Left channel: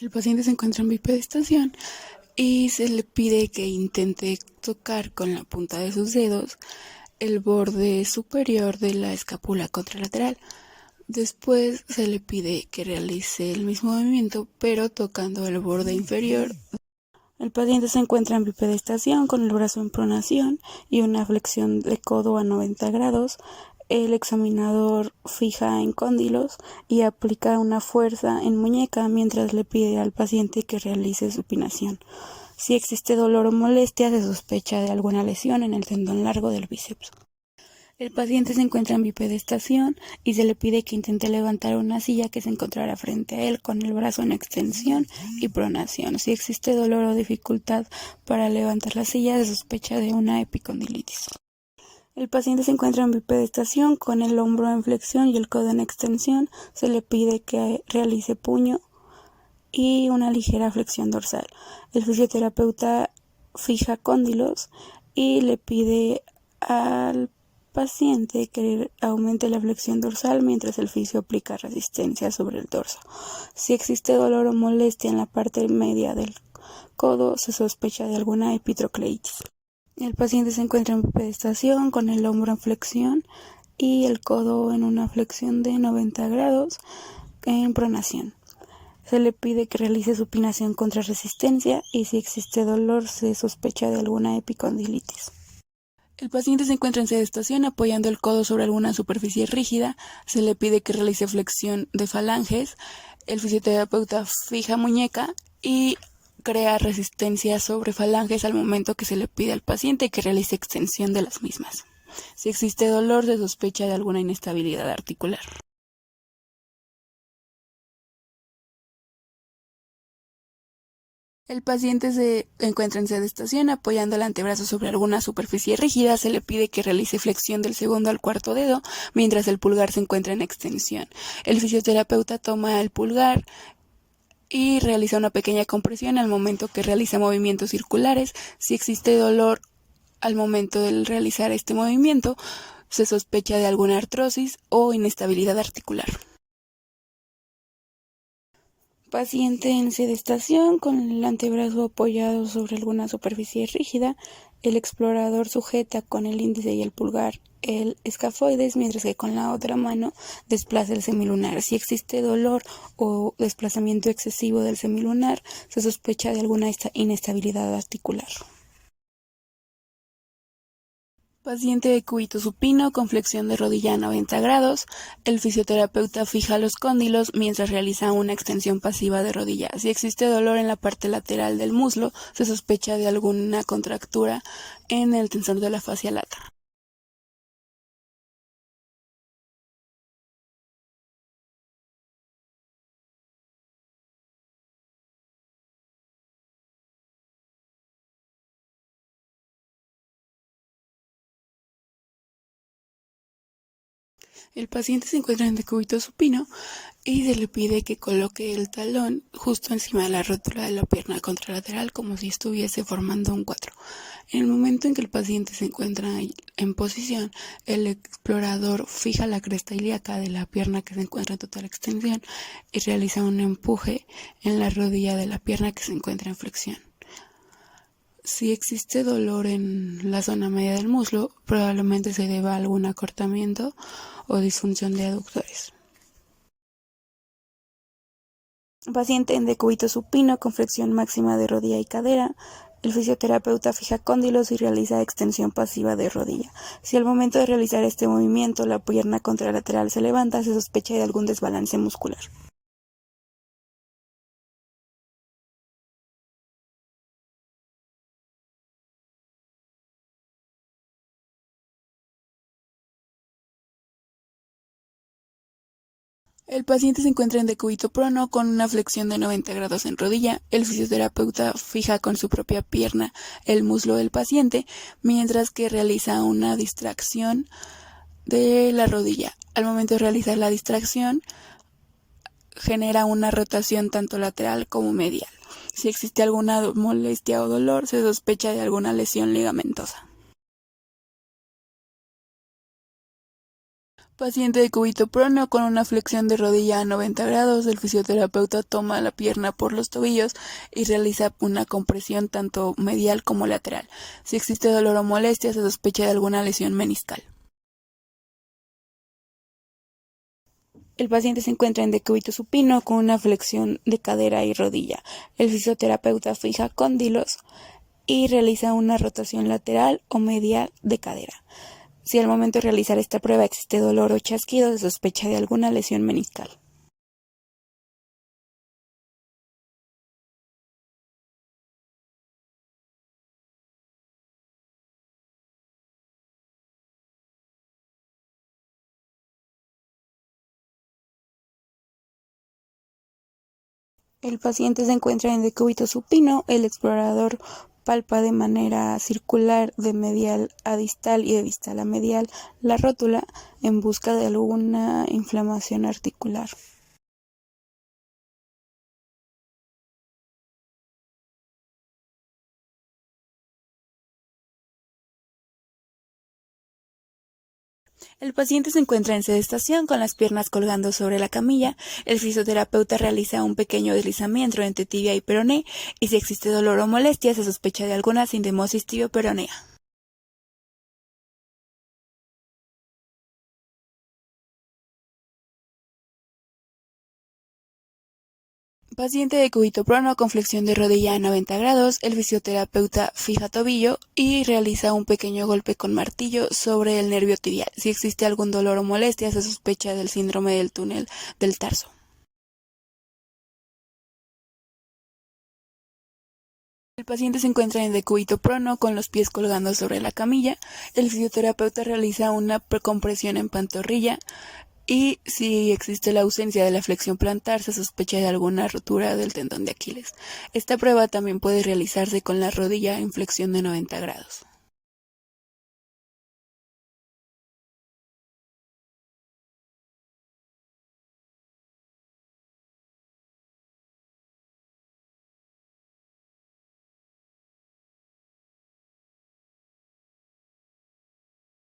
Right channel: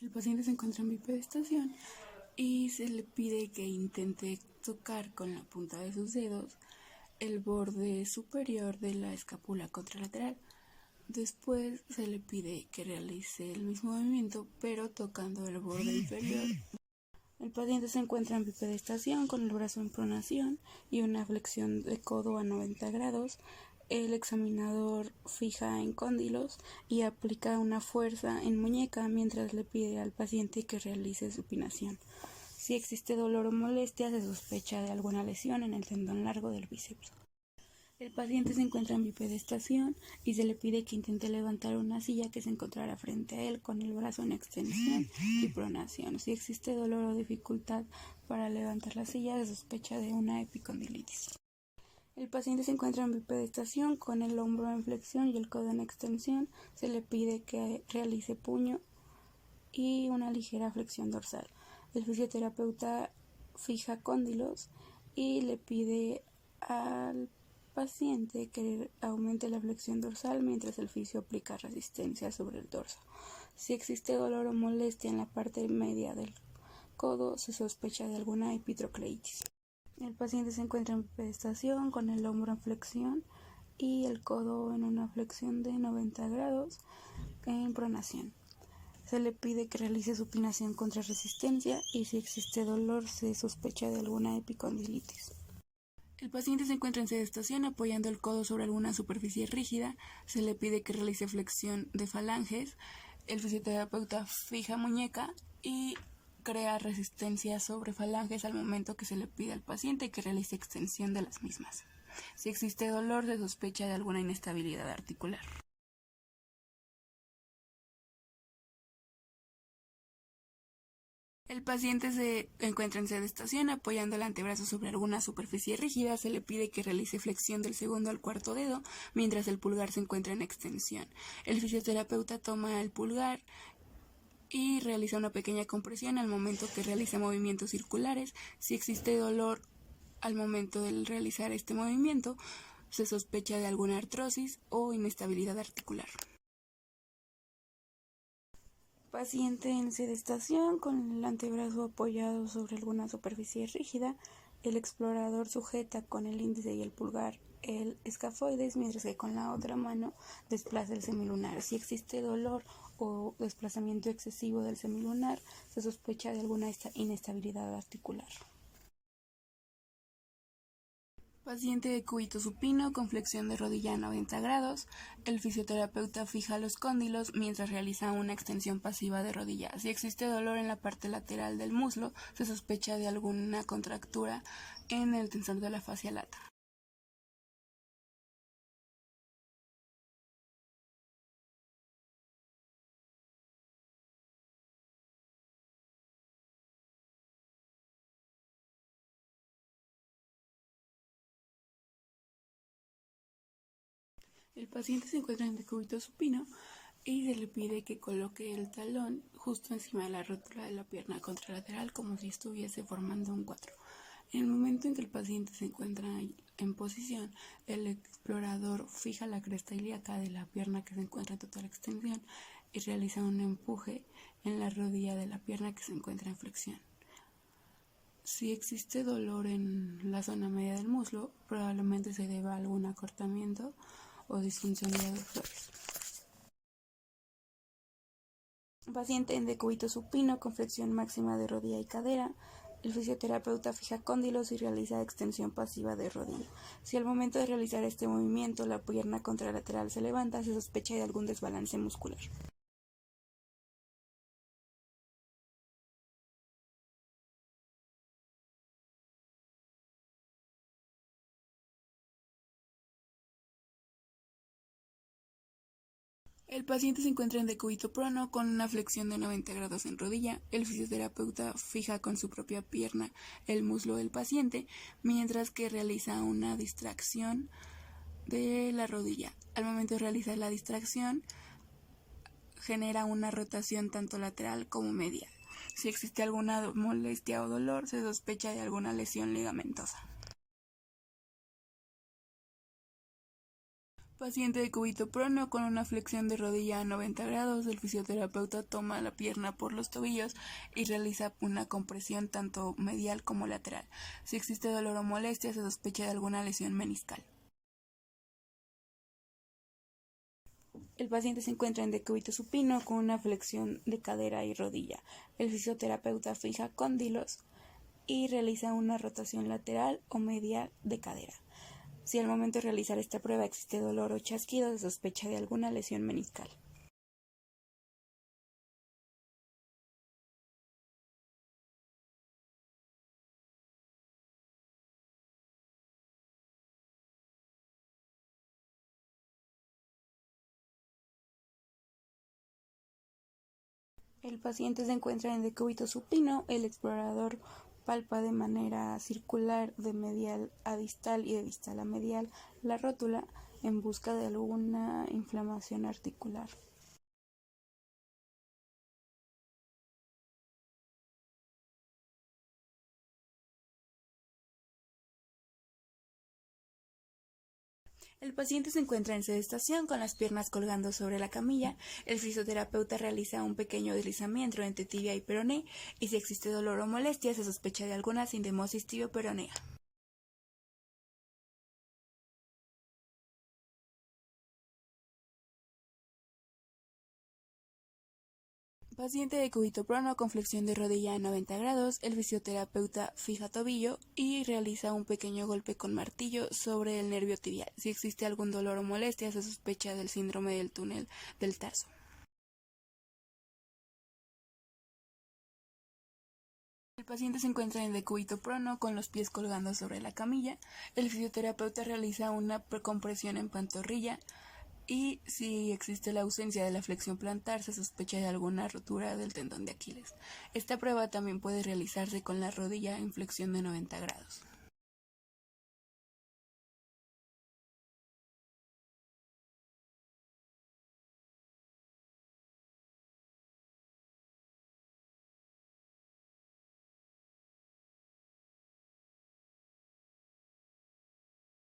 El paciente se encuentra en bipedestación y se le pide que intente tocar con la punta de sus dedos el borde superior de la escápula contralateral. Después se le pide que realice el mismo movimiento, pero tocando el borde inferior. El paciente se encuentra en bipedestación con el brazo en pronación y una flexión de codo a 90 grados. El examinador fija en cóndilos y aplica una fuerza en muñeca mientras le pide al paciente que realice supinación. Si existe dolor o molestia, se sospecha de alguna lesión en el tendón largo del bíceps. El paciente se encuentra en bipedestación y se le pide que intente levantar una silla que se encontrará frente a él con el brazo en extensión y pronación. Si existe dolor o dificultad para levantar la silla, se sospecha de una epicondilitis. El paciente se encuentra en bipedestación con el hombro en flexión y el codo en extensión. Se le pide que realice puño y una ligera flexión dorsal. El fisioterapeuta fija cóndilos y le pide al paciente que aumente la flexión dorsal mientras el fisio aplica resistencia sobre el dorso. Si existe dolor o molestia en la parte media del codo, se sospecha de alguna epitrocleitis. El paciente se encuentra en bipedestación con el hombro en flexión y el codo en una flexión de 90 grados en pronación. Se le pide que realice supinación contra resistencia y si existe dolor se sospecha de alguna epicondilitis. El paciente se encuentra en sedestación apoyando el codo sobre alguna superficie rígida. Se le pide que realice flexión de falanges. El fisioterapeuta fija muñeca y crea resistencia sobre falanges al momento que se le pide al paciente que realice extensión de las mismas. Si existe dolor, se sospecha de alguna inestabilidad articular. El paciente se encuentra en sedestación apoyando el antebrazo sobre alguna superficie rígida. Se le pide que realice flexión del segundo al cuarto dedo, mientras el pulgar se encuentra en extensión. El fisioterapeuta toma el pulgar y realiza una pequeña compresión al momento que realiza movimientos circulares. Si existe dolor al momento de realizar este movimiento, se sospecha de alguna artrosis o inestabilidad articular. Paciente en sedestación con el antebrazo apoyado sobre alguna superficie rígida. El explorador sujeta con el índice y el pulgar el escafoides, mientras que con la otra mano desplaza el semilunar. Si existe dolor o desplazamiento excesivo del semilunar, se sospecha de alguna inestabilidad articular. Paciente de cúbito supino con flexión de rodilla a 90 grados. El fisioterapeuta fija los cóndilos mientras realiza una extensión pasiva de rodilla. Si existe dolor en la parte lateral del muslo, se sospecha de alguna contractura en el tensor de la fascia lata. El paciente se encuentra en decúbito supino y se le pide que coloque el talón justo encima de la rótula de la pierna contralateral como si estuviese formando un 4. En el momento en que el paciente se encuentra en posición, el explorador fija la cresta ilíaca de la pierna que se encuentra en total extensión y realiza un empuje en la rodilla de la pierna que se encuentra en flexión. Si existe dolor en la zona media del muslo, probablemente se deba a algún acortamiento o disfunción de aductores. Paciente en decúbito supino con flexión máxima de rodilla y cadera. El fisioterapeuta fija cóndilos y realiza extensión pasiva de rodilla. Si al momento de realizar este movimiento la pierna contralateral se levanta, se sospecha de algún desbalance muscular. El paciente se encuentra en decúbito prono con una flexión de 90 grados en rodilla. El fisioterapeuta fija con su propia pierna el muslo del paciente, mientras que realiza una distracción de la rodilla. Al momento de realizar la distracción, genera una rotación tanto lateral como medial. Si existe alguna molestia o dolor, se sospecha de alguna lesión ligamentosa. Paciente de cúbito prono con una flexión de rodilla a 90 grados, el fisioterapeuta toma la pierna por los tobillos y realiza una compresión tanto medial como lateral. Si existe dolor o molestia, se sospecha de alguna lesión meniscal. El paciente se encuentra en decúbito supino con una flexión de cadera y rodilla. El fisioterapeuta fija cóndilos y realiza una rotación lateral o medial de cadera. Si al momento de realizar esta prueba existe dolor o chasquido, se sospecha de alguna lesión meniscal. El paciente se encuentra en decúbito supino, el explorador palpa de manera circular de medial a distal y de distal a medial la rótula en busca de alguna inflamación articular. El paciente se encuentra en sedestación con las piernas colgando sobre la camilla. El fisioterapeuta realiza un pequeño deslizamiento entre tibia y peroné y si existe dolor o molestia se sospecha de alguna sindimosis tibioperonea. Paciente de cúbito prono con flexión de rodilla a 90 grados, el fisioterapeuta fija tobillo y realiza un pequeño golpe con martillo sobre el nervio tibial. Si existe algún dolor o molestia, se sospecha del síndrome del túnel del tarso. El paciente se encuentra en decúbito prono con los pies colgando sobre la camilla. El fisioterapeuta realiza una compresión en pantorrilla y si existe la ausencia de la flexión plantar, se sospecha de alguna rotura del tendón de Aquiles. Esta prueba también puede realizarse con la rodilla en flexión de 90 grados.